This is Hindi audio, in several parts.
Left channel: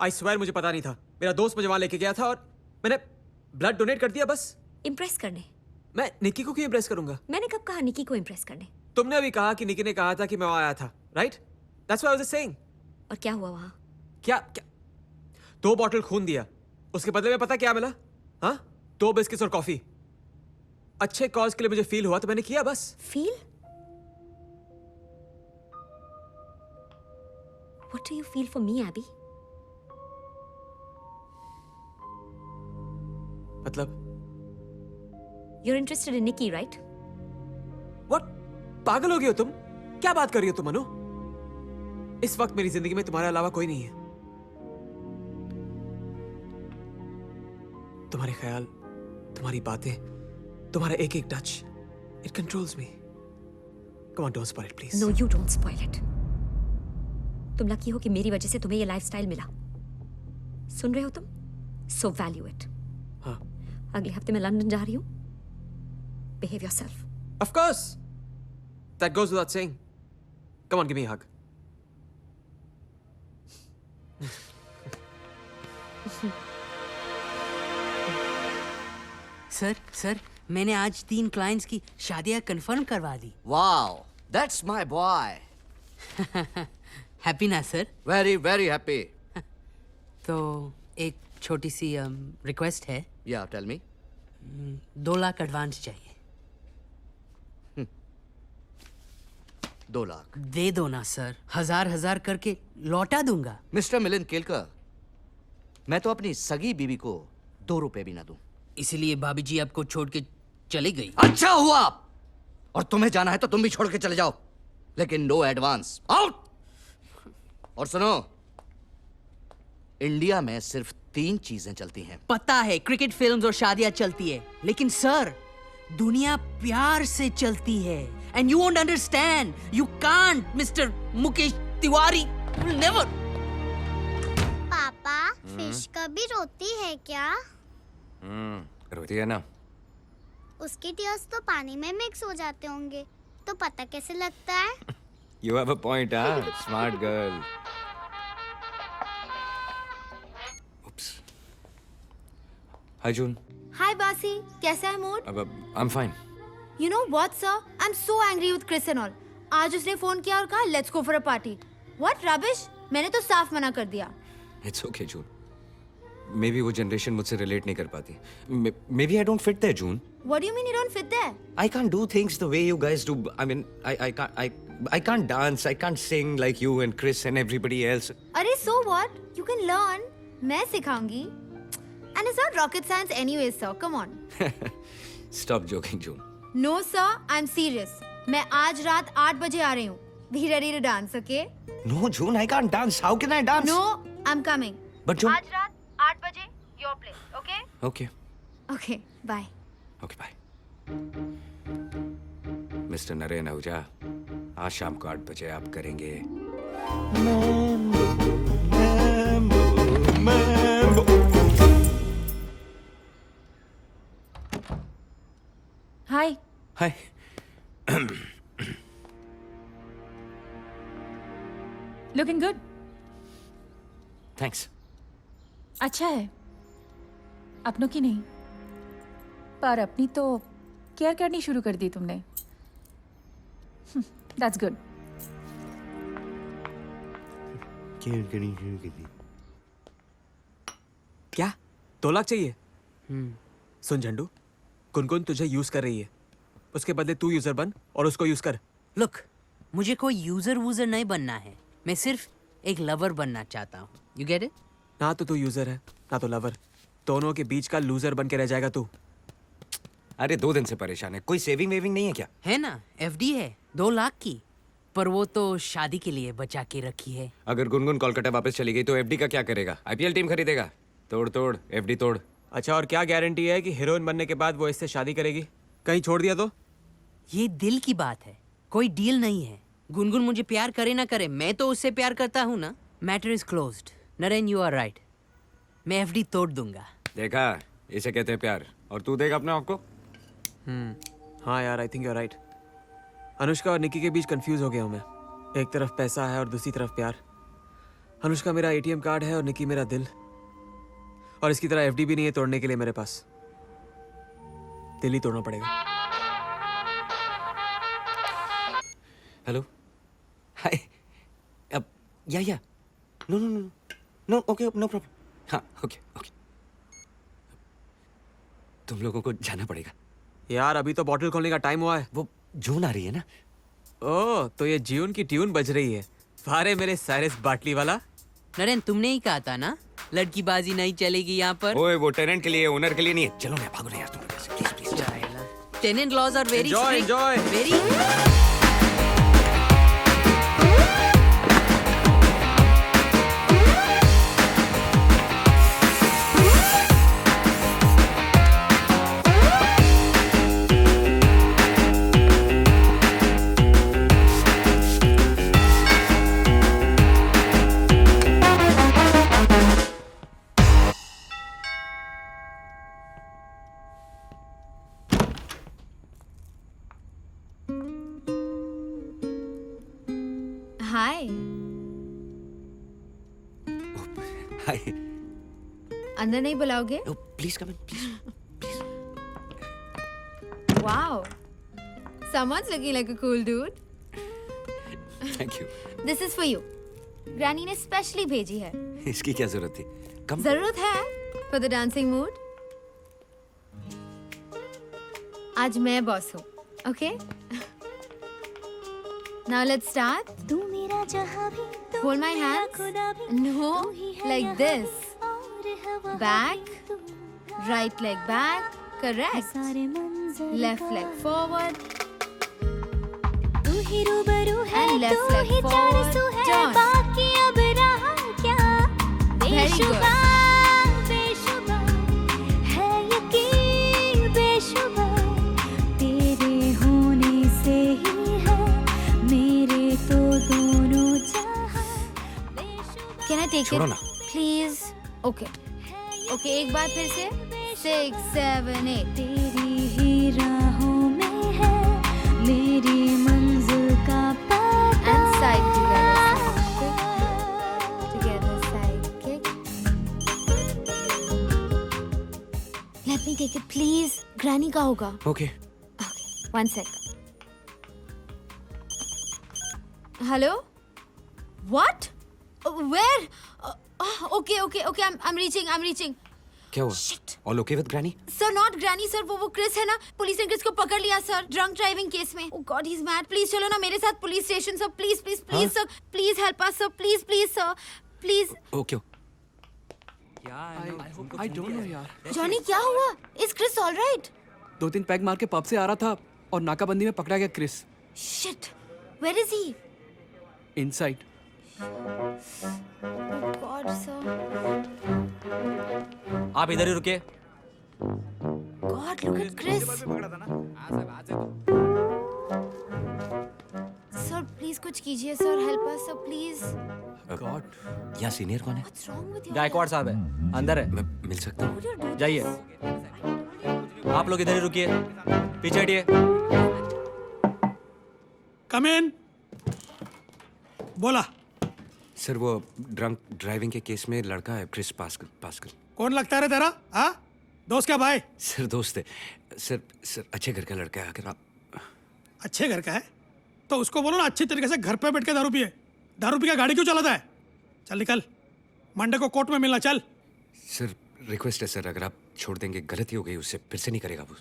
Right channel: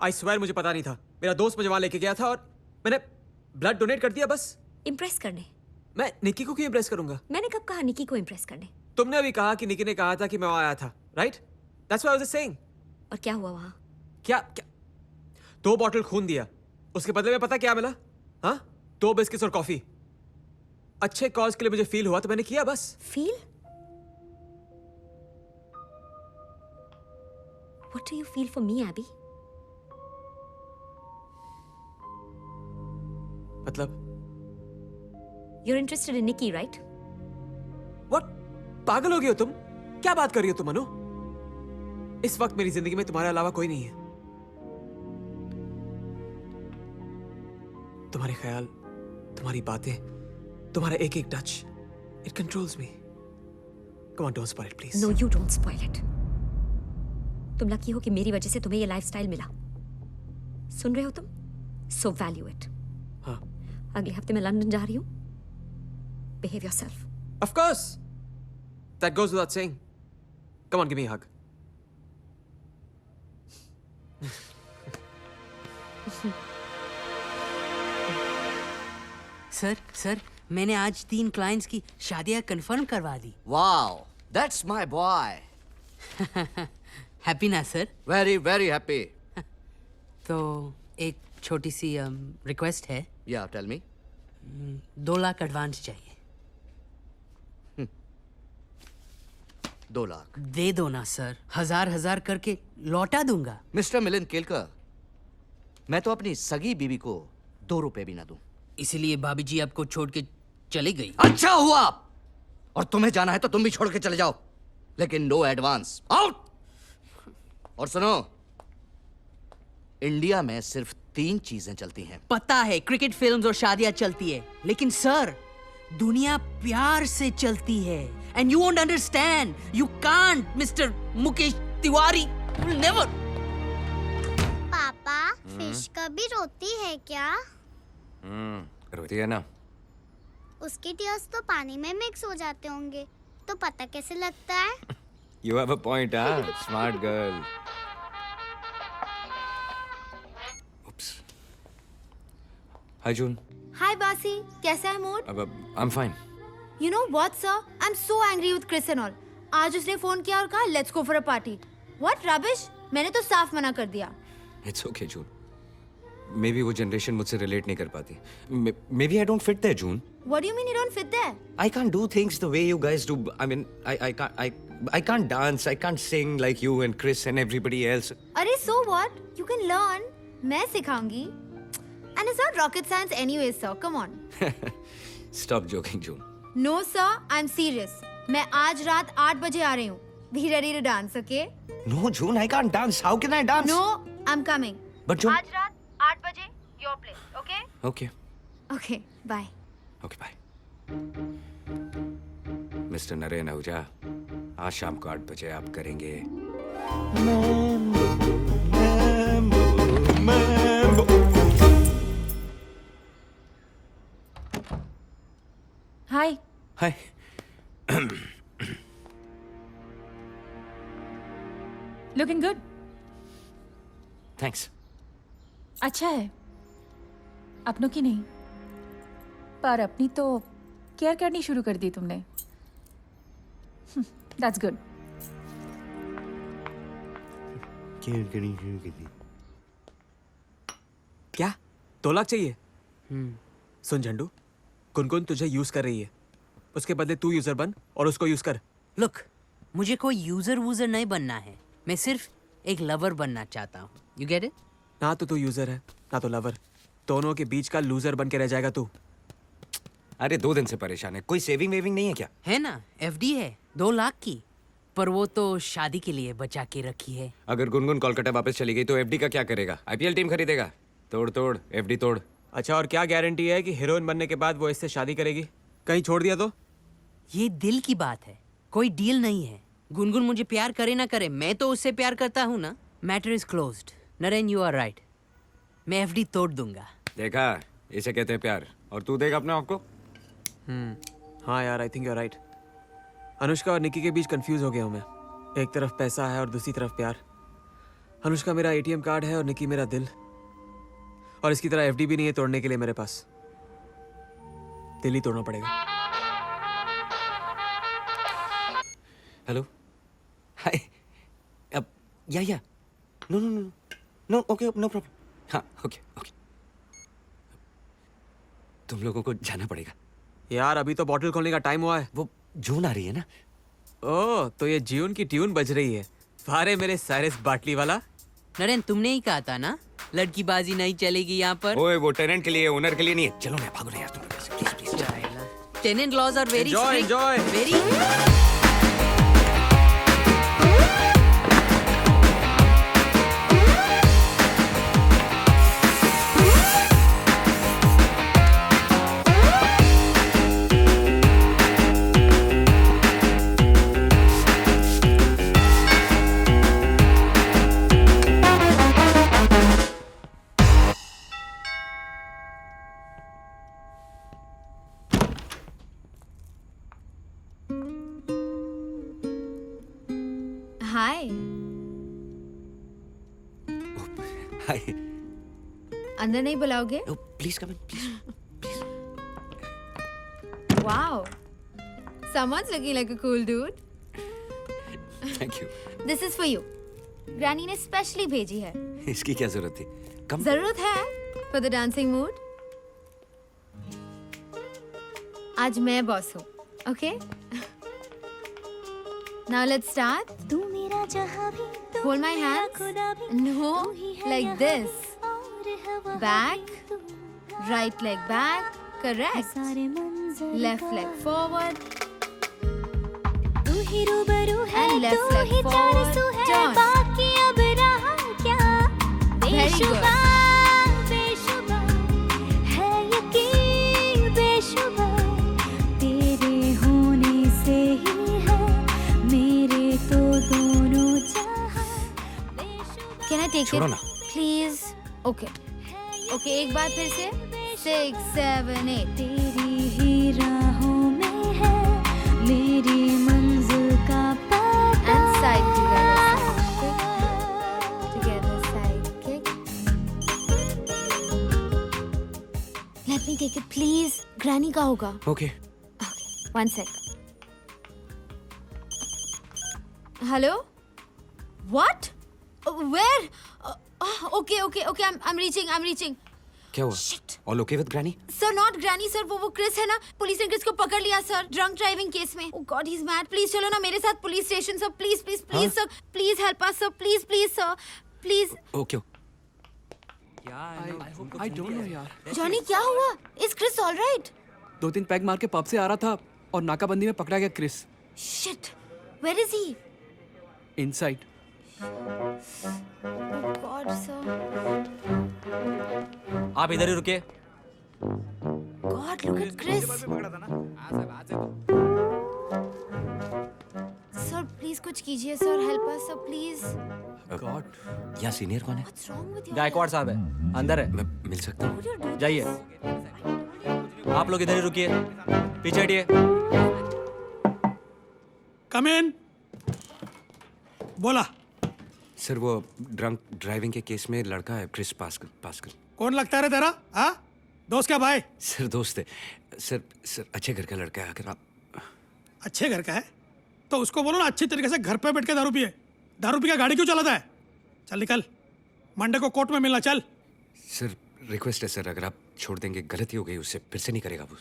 आई स्वेयर मुझे पता नहीं था। मेरा दोस्त मुझे वहां लेके गया था और मैंने ब्लड डोनेट कर दिया बस। इम्प्रेस करने? मैं निकी को क्यों इम्प्रेस करूंगा? मैंने कब कहा निकी को इम्प्रेस करने? तुमने अभी कहा कि निकी ने कहा था कि मैं वहां आया था, right? That's what I was saying. और क्या हुआ वहां? क्या क्या 2 बॉटल खून दिया, उसके बदले में पता क्या मिला? हाँ, 2 बिस्किट्स और कॉफी। अच्छे कॉज के लिए मुझे फील हुआ तो मैंने किया बस। Feel? What do you feel for me, Abby? मतलब You're interested in Nikki, right? What? पागल हो गए हो तुम? क्या बात कर रही हो तुम अनु? इस वक्त मेरी जिंदगी में तुम्हारे अलावा कोई नहीं है। तुम्हारे ख्याल, तुम्हारी बातें, तुम्हारा एक एक touch, it controls me. Come on, don't spoil it, please. No, you don't spoil it. तुम लकी हो कि मेरी वजह से तुम्हें ये लाइफस्टाइल मिला। सुन रहे हो तुम? So value it. हाँ, अगले हफ्ते मैं लंदन जा रही हूँ। Behave yourself. of course. That goes without saying. Come on, give me a hug. Sir मैंने आज 3 क्लाइंट्स की शादियां कंफर्म करवा दी। Wow, that's my boy. Happy ना सर? Very, very happy. तो एक छोटी सी रिक्वेस्ट है। Yeah, tell me. 2 lakh advance चाहिए। 2 लाख. दे दो ना सर, हजार करके लौटा दूंगा। मिस्टर मिलिंद केलकर, मैं तो अपनी सगी बीवी को 2 रुपए भी ना दूं। इसलिए भाभी जी आपको छोड़ के चली गई। अच्छा हुआ। और तुम्हें जाना है तो तुम भी छोड़ के चले जाओ, लेकिन नो एडवांस। आउट। और सुनो, इंडिया में सिर्फ 3 चीजें चलती हैं। पता है, क्रिकेट, फिल्म्स और शादियां चलती है, लेकिन सर दुनिया प्यार से चलती है। And you won't understand, you can't mister Mukesh Tiwari, never. पापा, फिश कभी रोती है क्या? रोती है ना। उसके टीयर्स तो पानी में मिक्स हो जाते होंगे, तो पता कैसे लगता है? You have a point, huh? Smart girl. Oops. Hi, June. हाय बासी, कैसा है mood? I'm fine. You know what sir, I am so angry with Chris and all. आज उसने फोन किया और कहा let's go for a party. What rubbish, मैंने तो साफ मना कर दिया। It's okay, June. Maybe वो generation मुझसे relate नहीं कर पाती. Maybe I don't fit there, June. What do you mean you don't fit there? I can't do things the way you guys do. I mean, I can't dance. I can't sing like you and Chris and everybody else. अरे so what? You can learn. मैं सिखाऊंगी। And it's not rocket science anyway, sir. Come on. Stop joking, June. No, sir. I'm serious. मैं आज रात 8 बजे आ रही हूँ। Be ready to dance, okay? No, June, I can't dance. How can I dance? No, I'm coming. But June. आज रात 8 बजे, your place, okay? Okay. Okay, bye. Okay, bye. Mister Naren Ahuja, आज शाम को 8 बजे आप करेंगे Hi. Hi. Looking good. Thanks. अच्छा है, अपनों की नहीं, पर अपनी तो क्या करनी शुरू कर दी तुमने। That's good. क्या 2 लाख चाहिए? सुन झंडू, गुनगुन तुझे यूज कर रही है, उसके बदले तू यूजर बन और उसको यूज कर। लुक, मुझे कोई यूजर वूजर नहीं बनना है, मैं सिर्फ एक लवर बनना चाहता हूँ। You get it? ना तो तू यूजर है, ना तो लवर, दोनों के बीच का लूजर बन के रह जाएगा तू। अरे 2 दिन से परेशान है, कोई सेविंग वेविंग नहीं है क्या? है ना, एफडी है 2 लाख की, पर वो तो शादी के लिए बचा के रखी है। अगर गुनगुन कोलकाता वापस चली गई तो एफडी का क्या करेगा? आईपीएल टीम खरीदेगा? तोड़ एफडी तोड़। अच्छा, और क्या गारंटी है कि हीरोइन बनने के बाद वो इससे शादी करेगी? कहीं छोड़ दिया तो? ये दिल की बात है, कोई डील नहीं है। गुनगुन मुझे प्यार करे ना करे, मैं तो उससे प्यार करता हूँ ना। Matter is closed. Naren, you are right, मैं एफडी तोड़ दूंगा। देखा, इसे कहते हैं प्यार। और तू देगा अपने आप को? हाँ यार, I think you are right. Anushka और निकी के बीच कंफ्यूज हो गया हूँ मैं। एक तरफ पैसा है और दूसरी तरफ प्यार। अनुष्का मेरा एटीएम कार्ड है और निकी मेरा दिल, और इसकी तरह एफडी भी नहीं है तोड़ने के लिए मेरे पास। दिल ही तोड़ना पड़ेगा। हेलो, हाय, अब या no no no no, okay, no problem, हाँ, ओके ओके। तुम लोगों को जाना पड़ेगा। यार अभी तो बॉटल खोलने का टाइम हुआ है। वो जून आ रही है ना। ओह, तो ये जून की ट्यून बज रही है। वारे मेरे साइरस बाटली वाला। नरेन, तुमने ही कहा था ना लड़की बाजी नहीं चलेगी यहाँ पर। ओए, वो टेनेंट के लिए, ओनर के लिए नहीं है। चलो ना, भागो ना यार तुम, please please. Tenant laws are very Enjoy, strict, enjoy. Very. Hi, hi, अंदर नहीं बुलाओगे? Please come in, please. Wow, someone's looking like a cool dude. Thank you. This is for you. Granny ने स्पेशली भेजी है। इसकी क्या जरूरत थी? कम। जरूरत है for the dancing mood. आज मैं बॉस हूँ, okay? Now let's start. Hold my hands. No, like this. Back. Right leg back. Correct. Left leg forward. And left leg forward. Turn. Very good. Can I take छोड़ो it? ना। Please. Okay. Okay, एक बार फिर से 6, 7, 8. And side together. Together side kick. Let me take it, please. Granny का होगा. Okay. Okay, 1 sec. Hello? What? Where? Okay. I'm reaching. क्या हुआ? Shit. All okay with granny? Sir, not Granny, sir. वो क्रिस है ना? पुलिस ने क्रिस को पकड़ लिया, सर, ड्रंक ड्राइविंग केस में। Oh God, he's mad. Please चलो ना मेरे साथ police station, sir. Please, sir. Please help us, sir. Please, sir. Please. Okay. Johnny, क्या हुआ? Is Chris all right? 2-3 peg मार के पब से आ रहा था और नाकाबंदी में पकड़ा गया Chris. Shit. Where is he? Inside. God, sir. आप इधर ही रुकिए। God, look at Chris. Sir, please कुछ कीजिए, sir. Help us, sir, please. God, यहाँ सीनियर कौन है? What's wrong with you? Gaekwad साहब है, अंदर है। मैं मिल सकता हूँ? Would you do this? जाइए। आप लोग इधर ही रुकिए, पीछे हटिए। कम इन। बोला। सर, वो ड्रंक ड्राइविंग के केस में लड़का है क्रिस पास्कल। कौन लगता है रे तेरा? हाँ, दोस्त क्या भाई? सर, दोस्त है। सर अच्छे घर का लड़का है। अगर आप अच्छे घर का है तो उसको बोलो ना अच्छे तरीके से घर पे बैठ के दारू पिए। दारू पी के गाड़ी क्यों चलाता है? चल निकल, मंडे को कोर्ट में मिलना। चल। सर, रिक्वेस्ट है सर, अगर आप छोड़ देंगे, गलती हो गई, उससे फिर से नहीं करेगा वो।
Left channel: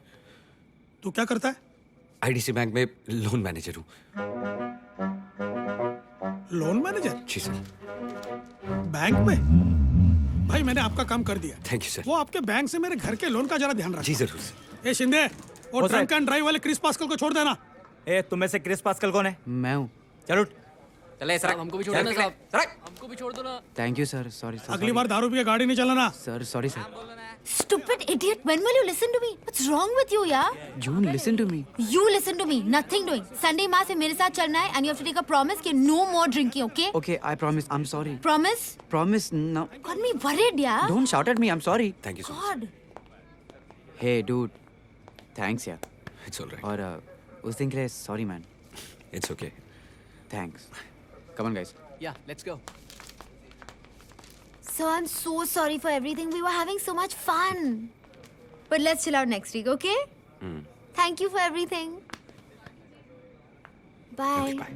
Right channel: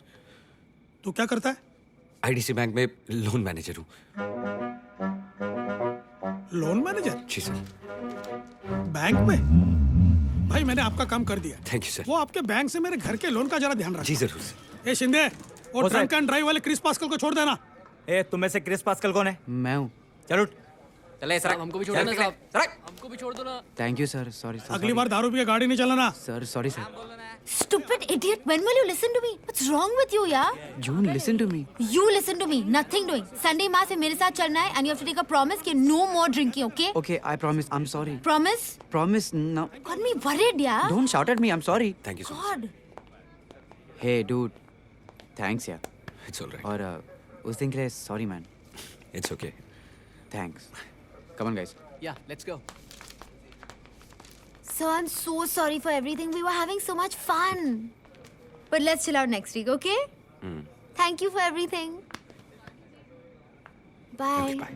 तू क्या करता है? आईडीसी बैंक में लोन मैनेजर हूँ। Loan manager? जी सर। बैंक में? भाई मैंने आपका काम कर दिया। Thank you sir. वो आपके बैंक से मेरे घर के लोन का जरा ध्यान रखना। जी जरूर सर। ए शिंदे, और ड्रंक एंड ड्राइव वाले क्रिस पास्कल को छोड़ देना। ए, तुम में से क्रिस पास्कल कौन है? मैं हूँ। चलो चले सर, हमको भी छोड़ देना साहब। हमको भी छोड़ दो ना। Thank you sir. सॉरी अगली बार दारू पी के गाड़ी नहीं चलाना। Sir, sorry sir. Stupid idiot. When will you listen to me? What's wrong with you, yeah? June, listen to me. You listen to me. Nothing doing. Sunday माँ से मेरे साथ चलना है and you have to take a promise कि no more drinking, okay? Okay, I promise. I am sorry. Promise? Promise no. Got me worried, yeah? Don't shout at me. I am sorry. Thank you sir. God. Hey dude, thanks यार। It's alright. और उस दिन के लिए sorry man. It's okay. Thanks. Come on guys. Yeah, let's go. Sir, I'm so sorry for everything. We were having so much fun. But let's chill out next week, okay? Thank you for everything. Bye. Bye.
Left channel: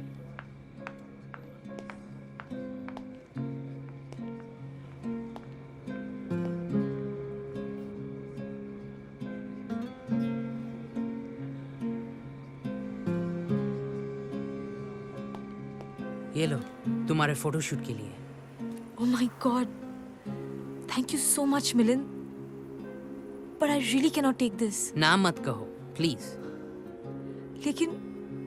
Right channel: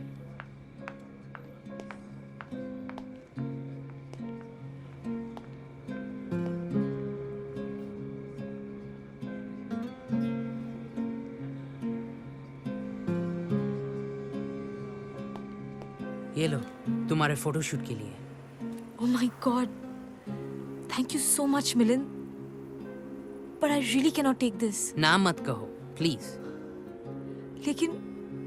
ये लो तुम्हारे फोटोशूट के लिए। Oh my God. Thank you so much, Milind. But I really cannot take this. ना मत कहो प्लीज। लेकिन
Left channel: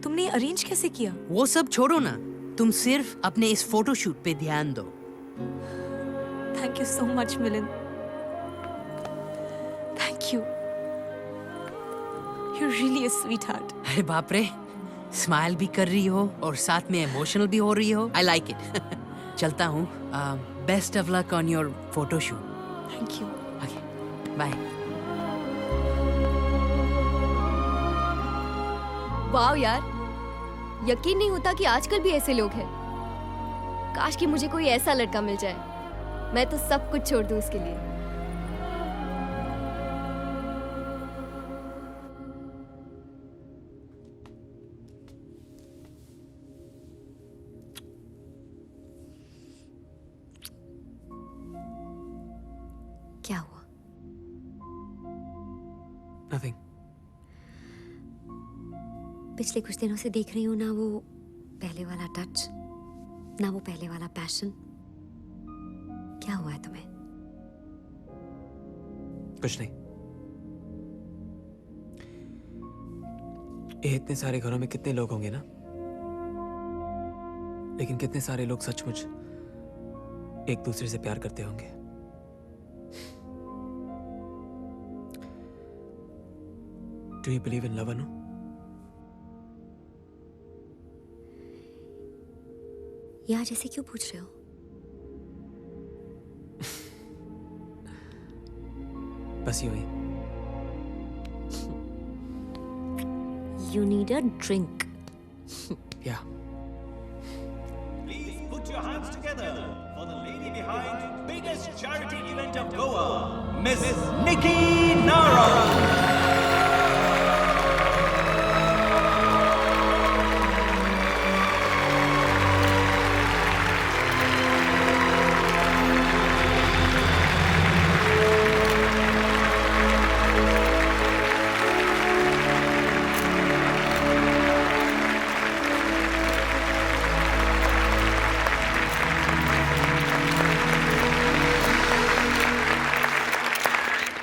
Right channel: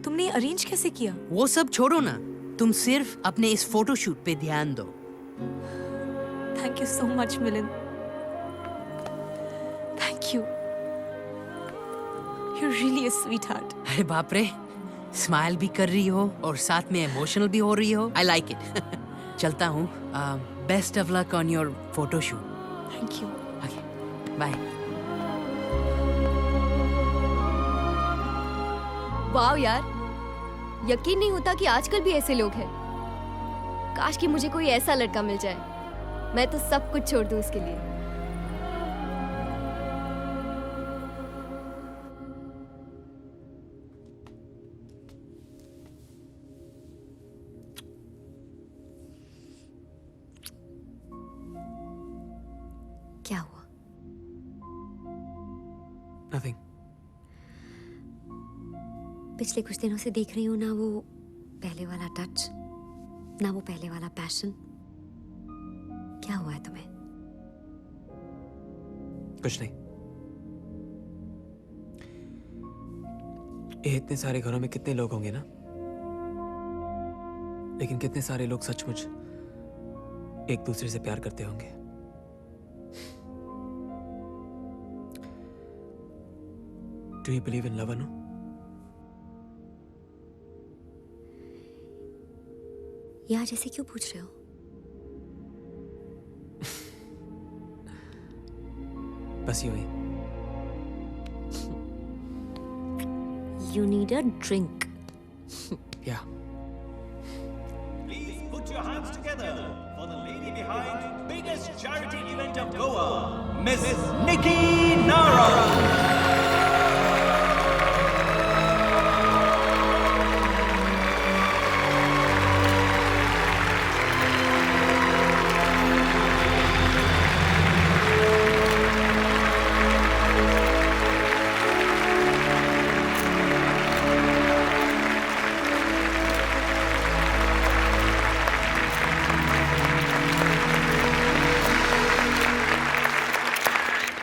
तुमने अरेंज कैसे किया? वो सब छोड़ो ना, तुम सिर्फ अपने इस फोटोशूट पे ध्यान दो। Thank you so much, Milind. Thank you. You're really a sweetheart. अरे बाप रे, स्माइल भी कर रही हो और साथ में इमोशनल भी हो रही हो। I like it. चलता हूँ। Best of luck on your photoshoot. Thank you. Bye. वाह यार, यकीन नहीं होता कि आजकल भी ऐसे लोग हैं। काश कि मुझे कोई ऐसा लड़का मिल जाए, मैं तो सब कुछ छोड़ दूं उसके लिए। क्या हुआ? Nothing. पिछले कुछ दिनों से देख रही हूँ ना वो पहले वाला टच, ना वो पहले वाला पैशन। क्या हुआ है तुम्हें? कुछ नहीं। ये इतने सारे घरों में कितने लोग होंगे ना, लेकिन कितने सारे लोग सचमुच एक दूसरे से प्यार करते होंगे। Do you believe in love, Anu? यहाँ जैसे क्यों पूछ रहे हो? बस यूं ही। You need a drink. Yeah. Please put your hands together for the lady behind biggest charity event of Goa, Miss Nikki Nara.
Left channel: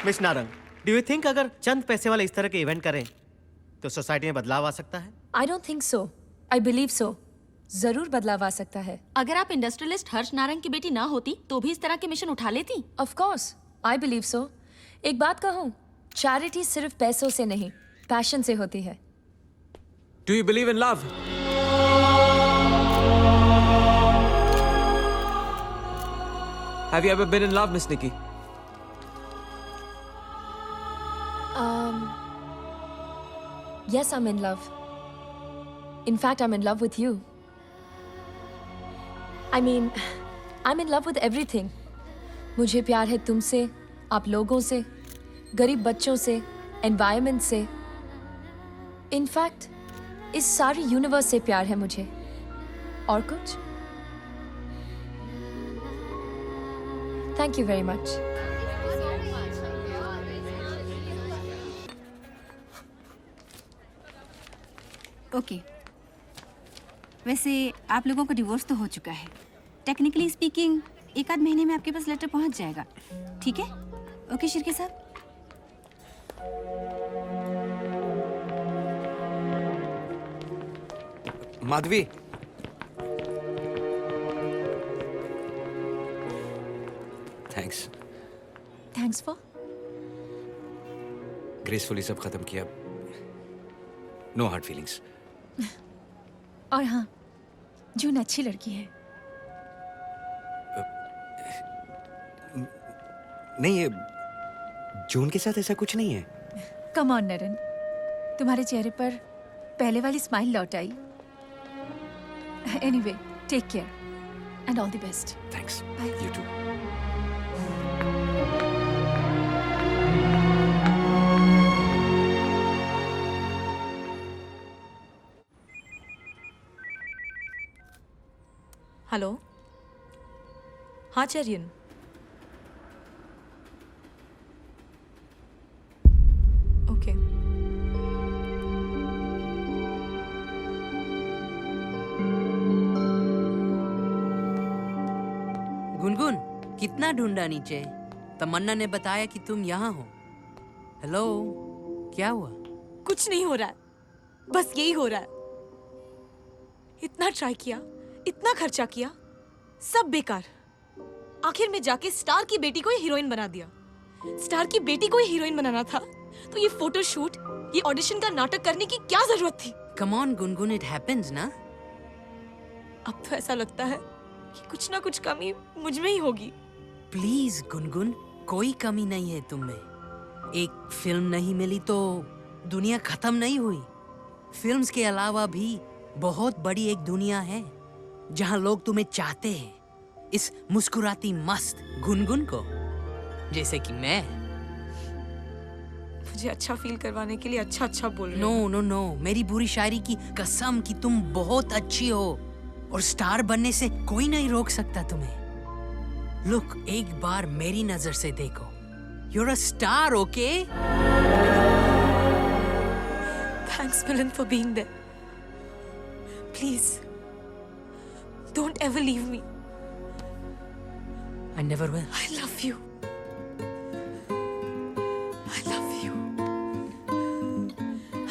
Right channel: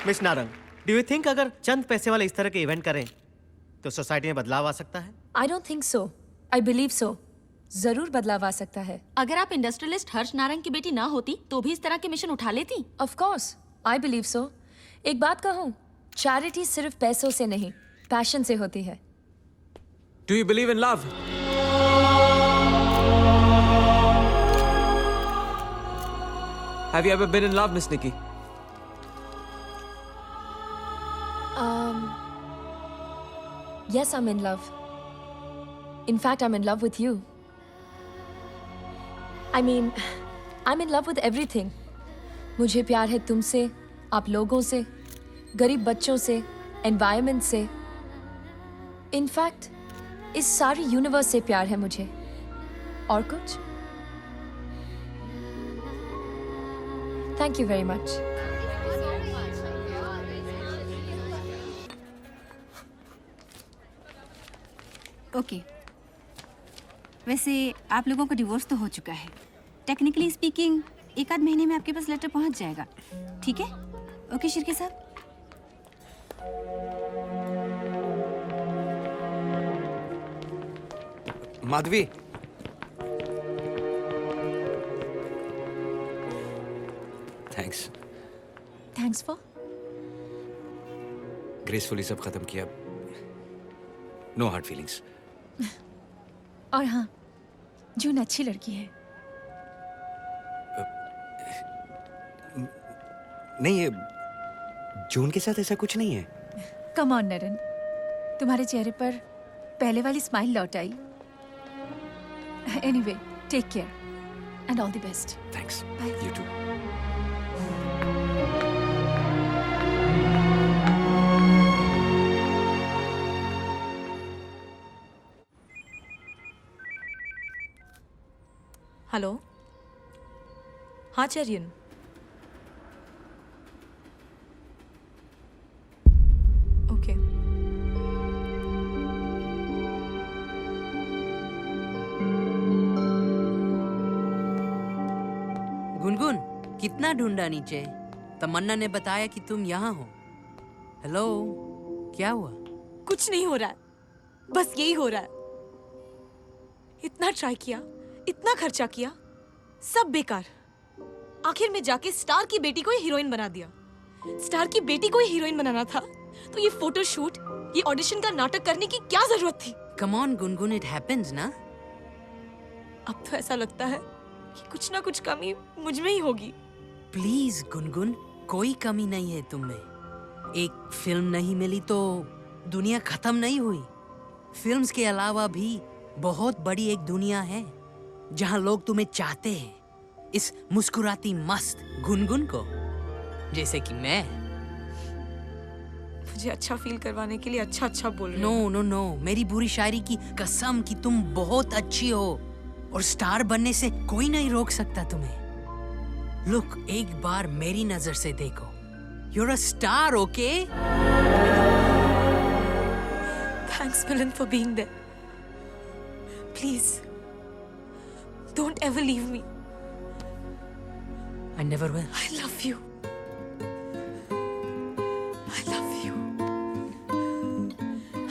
Miss Narang, do you think अगर चंद पैसे वाले इस तरह के इवेंट करें तो सोसाइटी में बदलाव आ सकता है? I don't think so. I believe so. जरूर बदलाव आ सकता है। अगर आप इंडस्ट्रियलिस्ट हर्ष नारंग की बेटी ना होती तो भी इस तरह के मिशन उठा लेती। Of course, I believe so. एक बात कहूँ, चैरिटी सिर्फ पैसों से नहीं, पैशन से होती है। Do you believe in love? Have you ever been in love, Miss Nikki? Yes, I'm in love. In fact, I'm in love with you. I mean, I'm in love with everything. मुझे प्यार है तुमसे, आप लोगों से, गरीब बच्चों से, एनवायरनमेंट से। In fact, इस सारी यूनिवर्स से प्यार है मुझे। और कुछ? Thank you very much. Okay वैसे आप लोगों का डिवोर्स तो हो चुका है। टेक्निकली स्पीकिंग एक आध महीने में आपके पास लेटर पहुंच जाएगा, ठीक है? ओके शिर्के साहब। Madhavi, thanks. Thanks for? Gracefully सब खत्म किया। No hard feelings. और हाँ, जून अच्छी लड़की है। नहीं, ये जून के साथ ऐसा कुछ नहीं है। कम ऑन नरन, तुम्हारे चेहरे पर पहले वाली स्माइल लौट आई। Anyway, take care and all the best. Thanks. You too. Hello हाँ चरियन ओके गुनगुन कितना ढूंढा नीचे, तमन्ना ने बताया कि तुम यहाँ हो। हेलो, क्या हुआ? कुछ नहीं हो रहा है, बस यही हो रहा है। इतना ट्राई किया, इतना खर्चा किया, सब बेकार। आखिर में जाके स्टार की बेटी को ही हीरोइन बना दिया। स्टार की बेटी को ही हीरोइन बनाना था तो ये फोटोशूट, ये ऑडिशन का नाटक करने की क्या जरूरत थी? Come on Gungun, it happens ना। अब तो ऐसा लगता है कि कुछ ना कुछ कमी मुझ में ही होगी। प्लीज गुनगुन, कोई कमी नहीं है तुम में। एक फिल्म नहीं मिली तो दुनिया खत्म नहीं हुई। फिल्म्स के अलावा भी बहुत बड़ी एक दुनिया है जहाँ लोग तुम्हें चाहते हैं, इस मुस्कुराती मस्त गुनगुन को, जैसे कि मैं। मुझे अच्छा फील करवाने के लिए अच्छा अच्छा बोल रहे नो हो। नो नो, मेरी बुरी शायरी की कसम कि तुम बहुत अच्छी हो और स्टार बनने से कोई नहीं रोक सकता तुम्हें। लुक, एक बार मेरी नजर से देखो, you're a star, okay? Thanks Milan for being there. Please, don't ever leave me. I never will. I love you. I love you.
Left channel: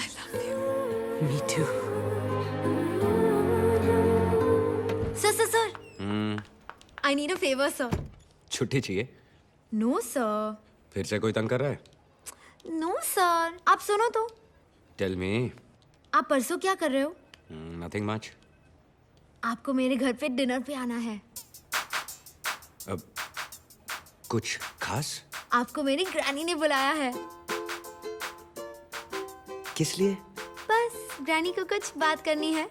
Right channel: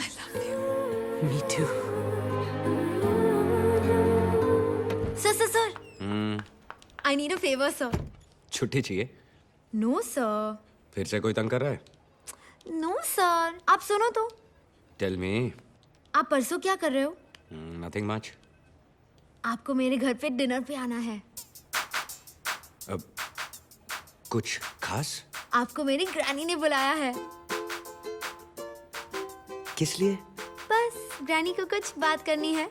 I love you. Me too. Sir. I need a favor, sir. छुट्टी चाहिए? No, sir. फिर से कोई तंग कर रहा है? No, sir. आप सुनो तो। Tell me. आप परसों क्या कर रहे हो? Nothing much. आपको मेरे घर पे डिनर पे आना है। अब कुछ खास? आपको मेरी ग्रैनी ने बुलाया है। किस लिए? बस ग्रैनी को कुछ बात करनी है।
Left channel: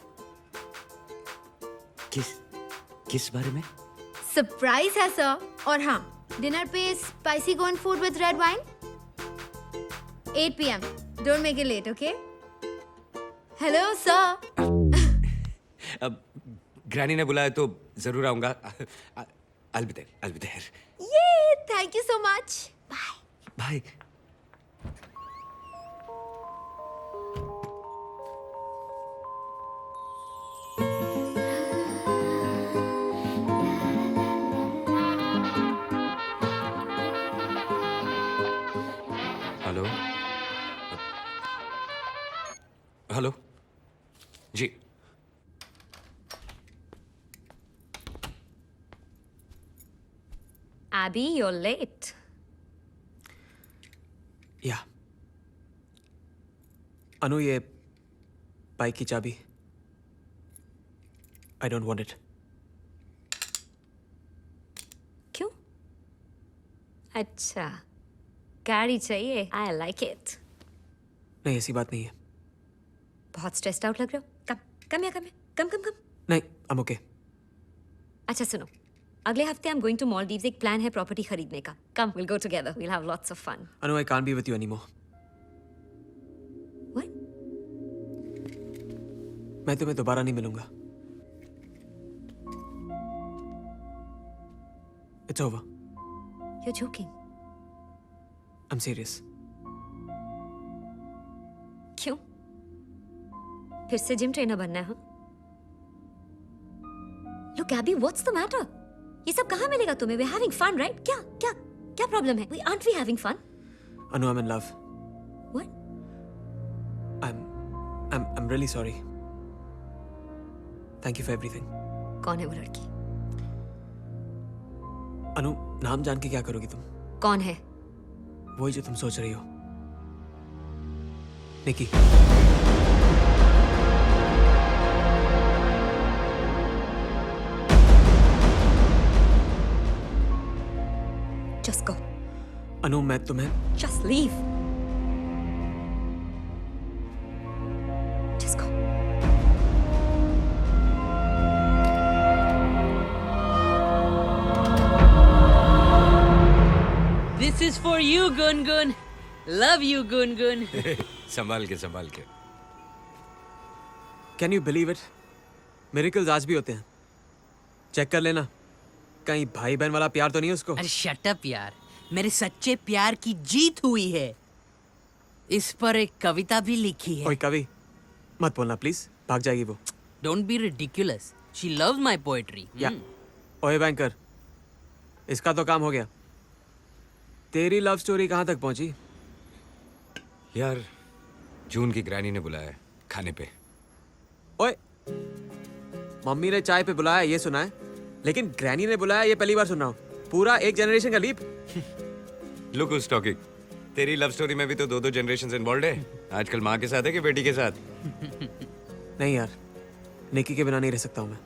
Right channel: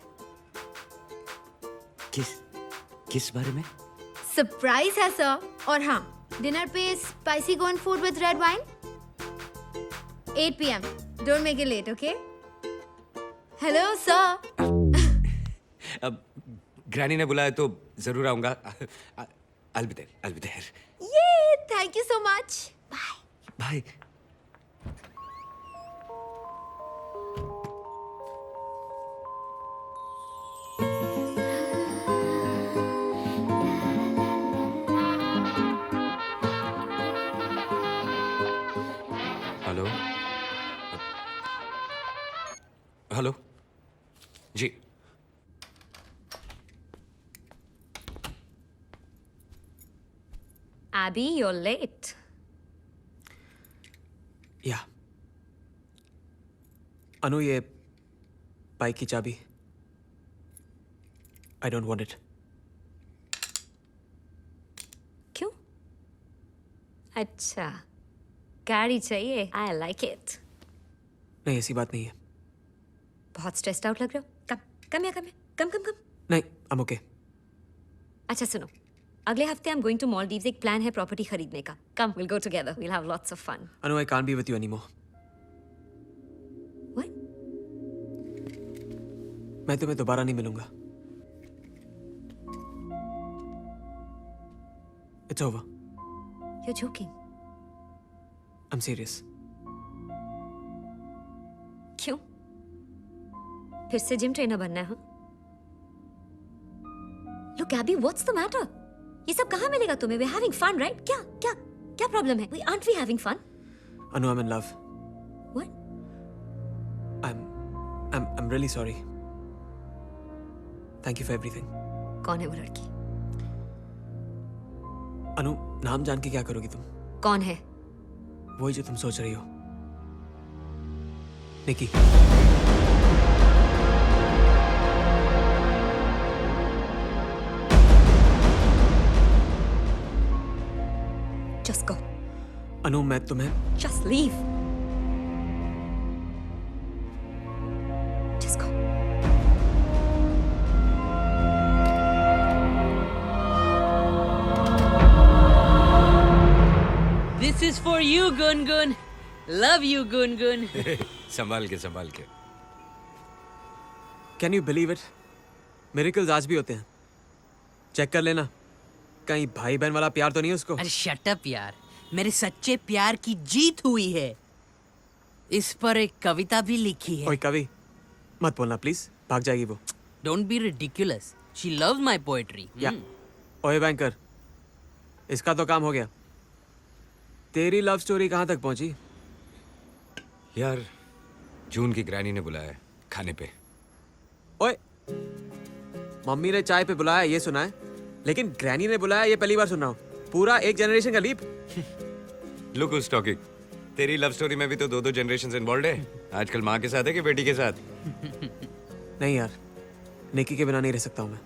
किस बारे में? सरप्राइज है सर। और हाँ, डिनर पे spicy corn food with red wine 8 PM. Don't make it late, okay? Hello, sir. अब ग्रैनी ने बुलाया तो जरूर आऊंगा। I'll be there. Yay! Thank you so much. Bye. Bye. Hello जी। Abby, you're late. या अनु, ये बाइक की चाबी। I don't want it. क्यों? अच्छा, गाड़ी चाहिए। I like it. नहीं, ऐसी बात नहीं है। बहुत स्ट्रेस्ड आउट लग रहे हो। कम। नहीं, I'm okay. अच्छा सुनो, अगले हफ्ते I'm going to Maldives। एक प्लान है प्रॉपर्टी खरीदने का। Come, we'll go together. We'll have lots of fun. Anu, I can't be with you anymore. What? मैं तुम्हें दोबारा नहीं मिलूंगा। It's over. You're joking. I'm serious. क्यों? फिर से जिम ट्रेनर बनना है? हाँ? Look, Abby, what's the matter? ये सब कहाँ मिलेगा तुम्हें? We're having fun, right? क्या प्रॉब्लम है? Aren't we having fun? Anu, I'm in love. What? I'm really sorry. Thank you for everything. कौन है वो लड़की? अनु, नाम जान के क्या करोगी तुम? कौन है? वही जो तुम सोच रही हो, निकी। Just go. अनु, मैं तुम्हें Just leave. Just go. This is for you, Gungun. Love you, Gungun. संभाल के। Can you believe it? Miracles आज भी होते हैं। चेक कर लेना, कहीं भाई बहन वाला प्यार तो नहीं उसको। अरे शट अप यार, मेरे सच्चे प्यार की जीत हुई है। इस पर एक कविता भी लिखी है। ओए कवि, मत बोलना प्लीज, भाग जाएगी वो। Don't be ridiculous, she loves my poetry. या ओए बैंकर, इसका तो काम हो गया। तेरी लव स्टोरी कहाँ तक पहुंची? यार जून की ग्रैनी ने बुलाया है खाने पे। ओए, मम्मी ने चाय पे बुलाया ये सुना है, लेकिन ग्रैनी ने बुलाया ये पहली बार सुन रहा हूँ। पूरा एक जनरेशन का लीप। लुक उस टॉकिंग, तेरी लव स्टोरी में भी तो 2-2 जनरेशंस इन्वॉल्व है। आजकल माँ के साथ है कि बेटी के साथ? नहीं यार, निकी के बिना नहीं रह सकता हूँ मैं।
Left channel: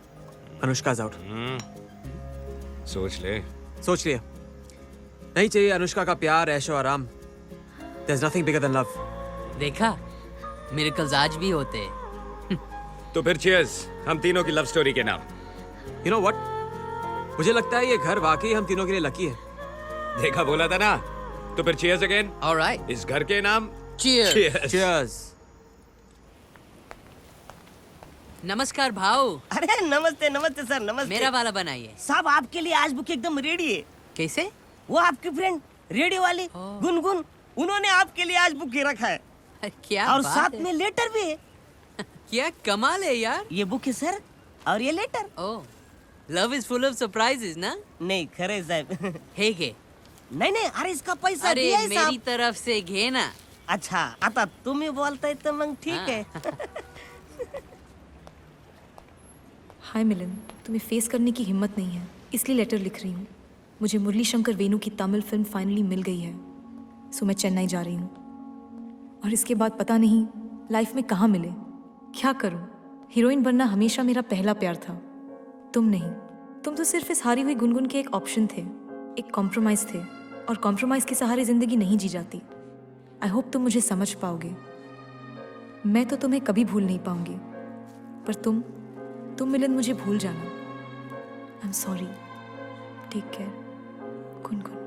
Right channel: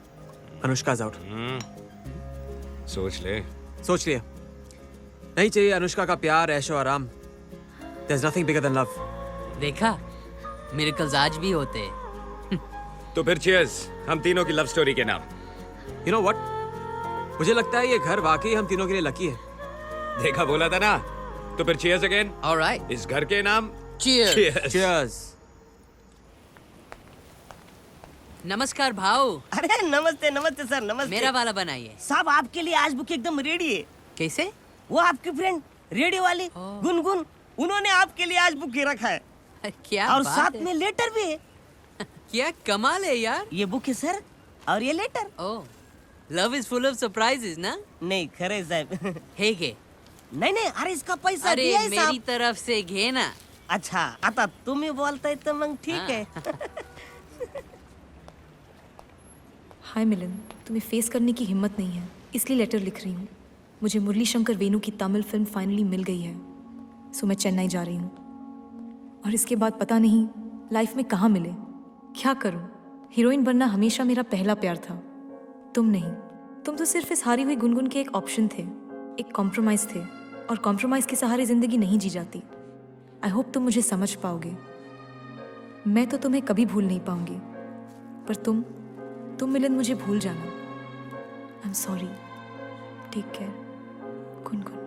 Anushka is out. सोच ले। सोच लिया, नहीं चाहिए अनुष्का का प्यार, ऐशो आराम। There's nothing bigger than love. देखा, मिरेकल्स आज भी होते हैं। तो फिर cheers, हम तीनों की लव स्टोरी के नाम। You know what? मुझे लगता है ये घर वाकई हम तीनों के लिए लकी है। देखा, बोला था ना। तो फिर cheers again। Alright. इस घर के नाम Cheers. Cheers. नमस्कार भाऊ। अरे नमस्ते नमस्ते सर, नमस्ते। मेरा वाला बनाइए। साहब आपके लिए आज बुक एकदम रेडी है। कैसे? वो आपकी फ्रेंड रेडियो वाली गुनगुन, उन्होंने आपके लिए आज बुक के रखा है। क्या और बात साथ है। में लेटर भी है। क्या कमाल है यार। ये बुक है सर, और ये letter. Oh, love is full of surprises ना? नहीं खरे साहब। है के? नहीं नहीं, अरे इसका पैसा अरे दिया है मेरी साहब। तरफ से घे ना। अच्छा, आता तुम्ही बोलताय तर मग ठीक है। हाय मिलन, तुम्हें फेस करने की हिम्मत नहीं है, इसलिए लेटर लिख रही हूँ। मुझे मुरली शंकर वेणु की तमिल फिल्म फाइनली मिल गई है, सो मैं चेन्नई जा रही हूँ। और इसके बाद पता नहीं लाइफ में कहाँ मिले, क्या करूँ। हीरोइन बनना हमेशा मेरा पहला प्यार था, तुम नहीं। तुम तो सिर्फ इस हारी हुई गुनगुन के एक ऑप्शन थे, एक कॉम्प्रोमाइज थे, और कॉम्प्रोमाइज के सहारे जिंदगी नहीं जी जाती। आई होप तुम मुझे समझ पाओगे। मैं तो तुम्हें कभी भूल नहीं पाऊंगी, पर तुम मिलन मुझे भूल जाना। I am sorry. Take care Gungun.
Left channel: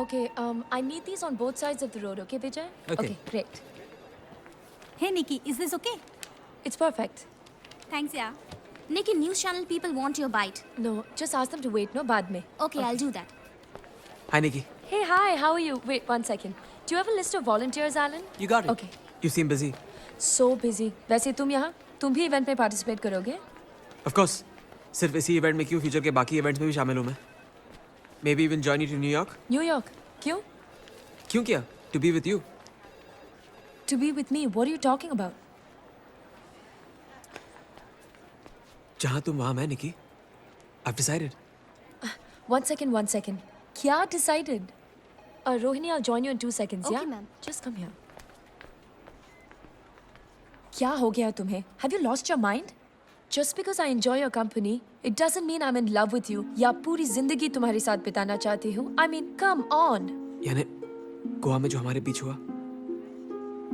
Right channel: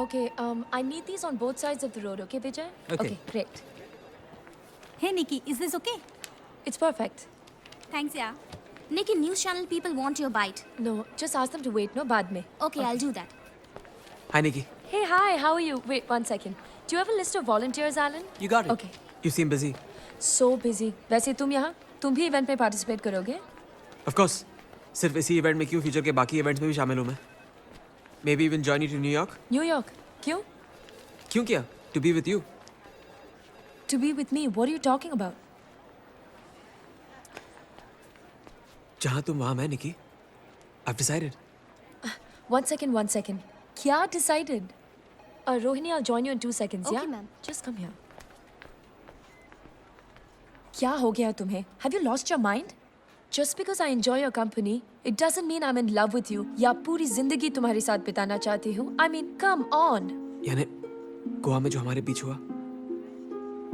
Okay, I need these on both sides of the road, okay, Vijay? Okay. Great. Hey Nikki, is this okay? It's perfect. Thanks, yeah. Nikki, news channel people want your bite. No, just ask them to wait, no, बाद में. Okay, I'll do that. Hi Nikki, Hey, hi, how are you? Wait, 1 second. Do you have a list of volunteers, Alan? You got it. Okay. you seem busy. So busy. वैसे तुम यहाँ, तुम भी इवेंट में पार्टिसिपेट करोगे? Of course. सिर्फ इसी इवेंट में क्यों, फ्यूचर के बाकी इवेंट्स में भी शामिल हूँ मैं। Maybe even join you to New York. New York? क्यों? क्यों किया? To be with you. To be with me? What are you talking about? जहाँ तुम वहाँ मैं निकी। I've decided. 1 second, 1 second. क्या decided? Rohini, I'll join you in 2 seconds, Okay, yeah? ma'am. Just come here. क्या हो गया तुम्हें? Have you lost your mind? Just because I enjoy your company, it doesn't mean I'm in love with you. या पूरी जिंदगी तुम्हारे साथ बिताना चाहती हूँ. I mean, come on. यानी गोवा में जो हमारे बीच हुआ,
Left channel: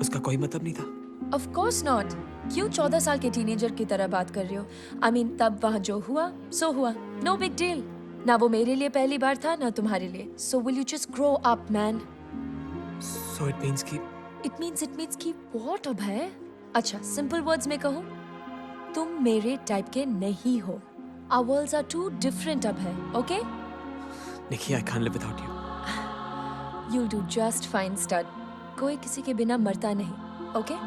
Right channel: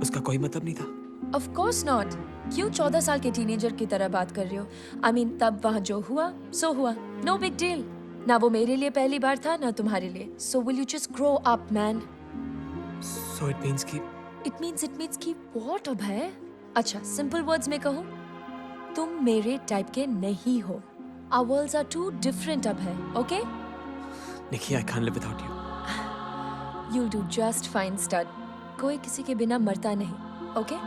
उसका कोई मतलब नहीं था। Of course not. क्यों 14 साल के टीनेजर की तरह बात कर रहे हो? I mean, तब वहाँ जो हुआ, सो हुआ. No big deal. ना वो मेरे लिए पहली बार था, ना तुम्हारे लिए. So will you just grow up, man? So it means कि It means कि what अब है? अच्छा, simple words में कहूँ, तुम मेरे टाइप के नहीं हो. Our worlds are too different अब है, okay? Nikki, I can't live without you. You'll do just fine, stud. कोई किसी के बिना मरता नहीं, okay?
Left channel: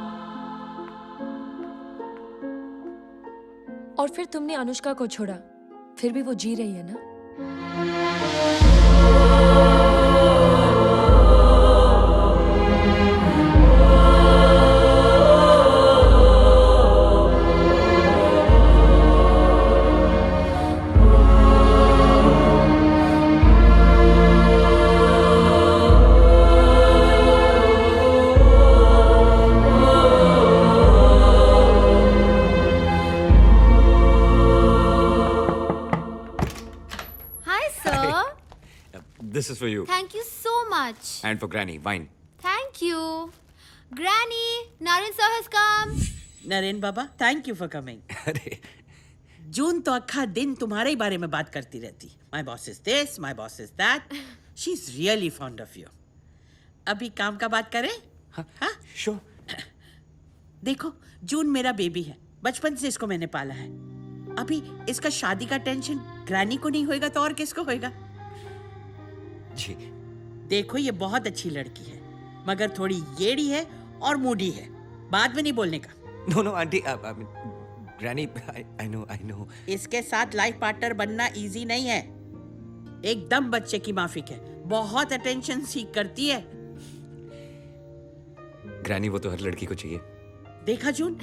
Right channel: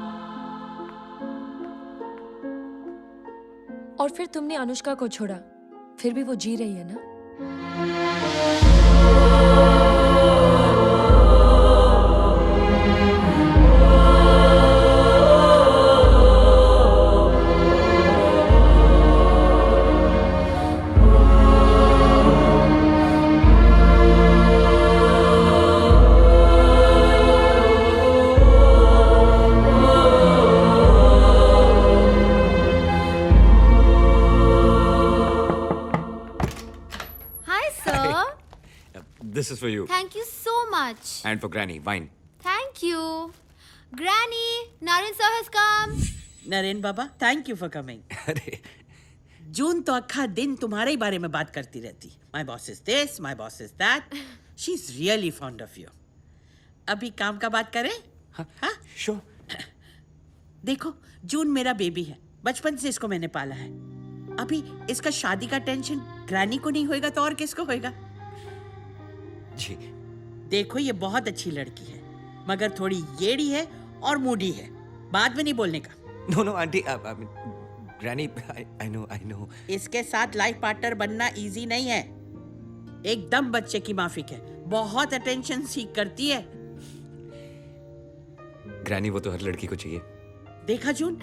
और फिर तुमने अनुष्का को छोड़ा, फिर भी वो जी रही है ना? This is for you. Thank you so much. And for Granny, wine. Thank you. Granny, Naren sir has come. Naren बाबा, थैंक यू फॉर कमिंग। अरे जून तो अक्खा दिन तुम्हारे ही बारे में बात करती रहती। My boss is this, my boss is that. She is really fond of you. अभी काम का बात करें? हाँ? श्योर। देखो, जून मेरा बेबी है, बचपन से इसको मैंने पाला है। अभी इसका शादी का टेंशन ग्रैनी को नहीं होएगा तो और किसको होएगा? जी। देखो, ये बहुत अच्छी लड़की है, मगर थोड़ी येड़ी है और मूडी है। बाद में नहीं बोलने का। No, aunty, Granny, I know. इसके साथ लाइफ पार्टनर बनना इजी नहीं है। एकदम बच्चे की माफिक है, बहुत अटेंशन सीख करती है। Granny, वो तो हर लड़की को चाहिए। देखा जून,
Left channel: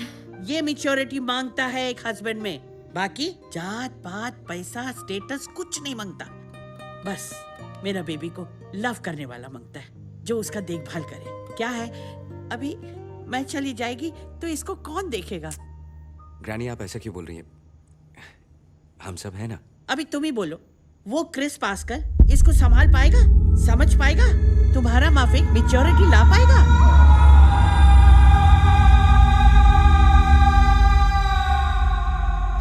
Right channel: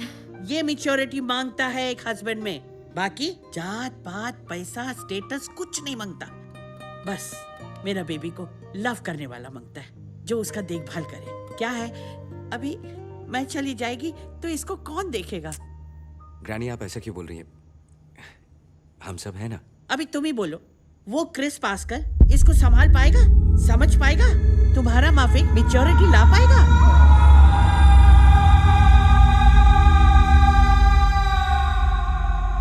ये मैच्योरिटी मांगता है एक हस्बैंड में। बाकी जात पात पैसा स्टेटस कुछ नहीं मांगता। बस मेरा बेबी को लव करने वाला मांगता है, जो उसका देखभाल करे। क्या है, अभी मैं चली जाएगी तो इसको कौन देखेगा? Granny, आप ऐसा क्यों बोल रही हैं? हम सब हैं ना। अभी तुम ही बोलो, वो क्रिस पास्कल इसको संभाल पाएगा, समझ पाएगा, तुम्हारा माफिक मैच्योरिटी ला पाएगा?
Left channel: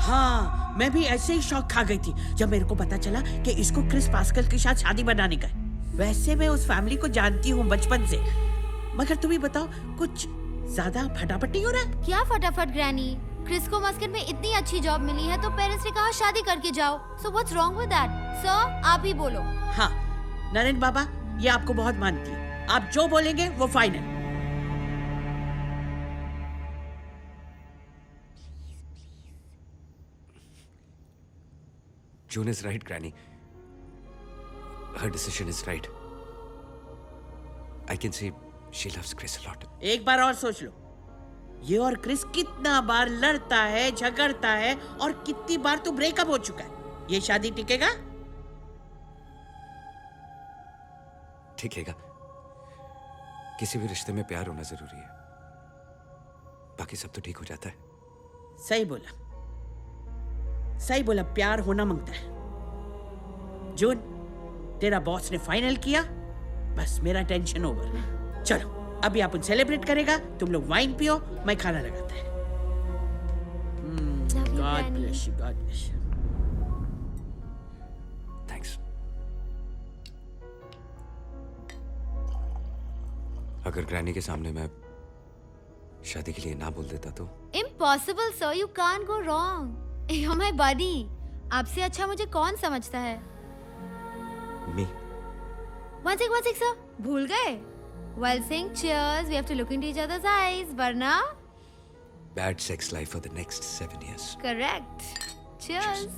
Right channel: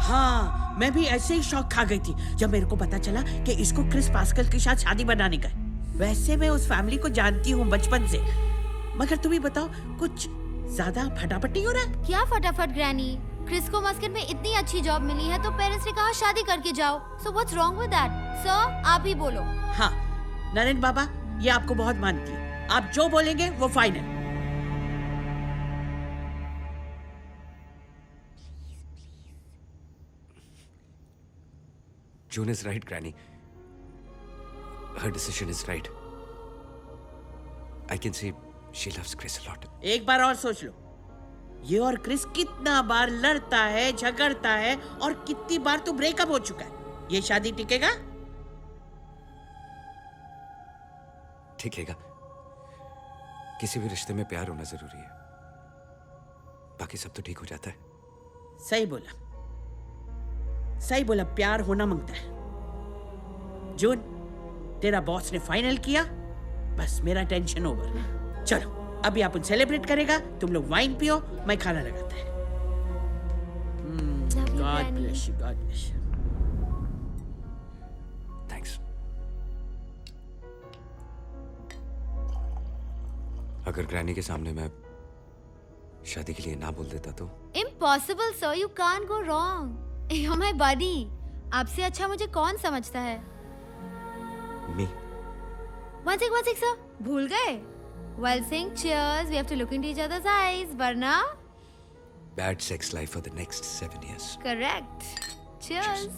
हाँ, मैं भी ऐसे ही शौक खा गई थी जब मेरे को पता चला कि इसको क्रिस पास्कल के साथ शादी बनाने का है। वैसे मैं उस फैमिली को जानती हूँ बचपन से, मगर तुम्हें बताओ, कुछ ज्यादा फटाफट नहीं हो रहा है? क्या फटाफट ग्रैनी? क्रिस को मस्कट में इतनी अच्छी जॉब मिली है तो पेरेंट्स ने कहा शादी करके जाओ। So what's wrong with that? Sir, आप ही बोलो। हाँ, नरेन बाबा, ये आपको बहुत मानती है। आप जो बोलेंगे वो final. June is right, Granny. Her decision is right. I can see she loves Chris a lot. एक बार और सोच लो, ये और क्रिस कितना बार लड़ता है, झगड़ता है, और कितनी बार तो ब्रेकअप हो चुका है। ये शादी टिकेगा? टिकेगा। किसी भी रिश्ते में प्यार होना जरूरी है, बाकी सब तो ठीक हो जाता है। सही बोला, सही बोला, प्यार होना मांगता है। जून, तेरा बॉस ने फाइनल किया, बस मेरा टेंशन ओवर। चलो, अभी अपन सेलिब्रेट करेगा, तुम लोग वाइन पियो, मैं खाना लगाता है। God bless you, God bless you. Thanks. अगर ग्रैनी के सामने मैं शादी के लिए ना बोल देता तो? Impossible sir, you can't go wrong. You my buddy. आपसे अच्छा मुझे कौन समझता है? मी। One sec, sir. भूल गए? While saying cheers, we have to look into each other's eyes, वरना? Bad sex life for the next 7 years. Correct. Cheers.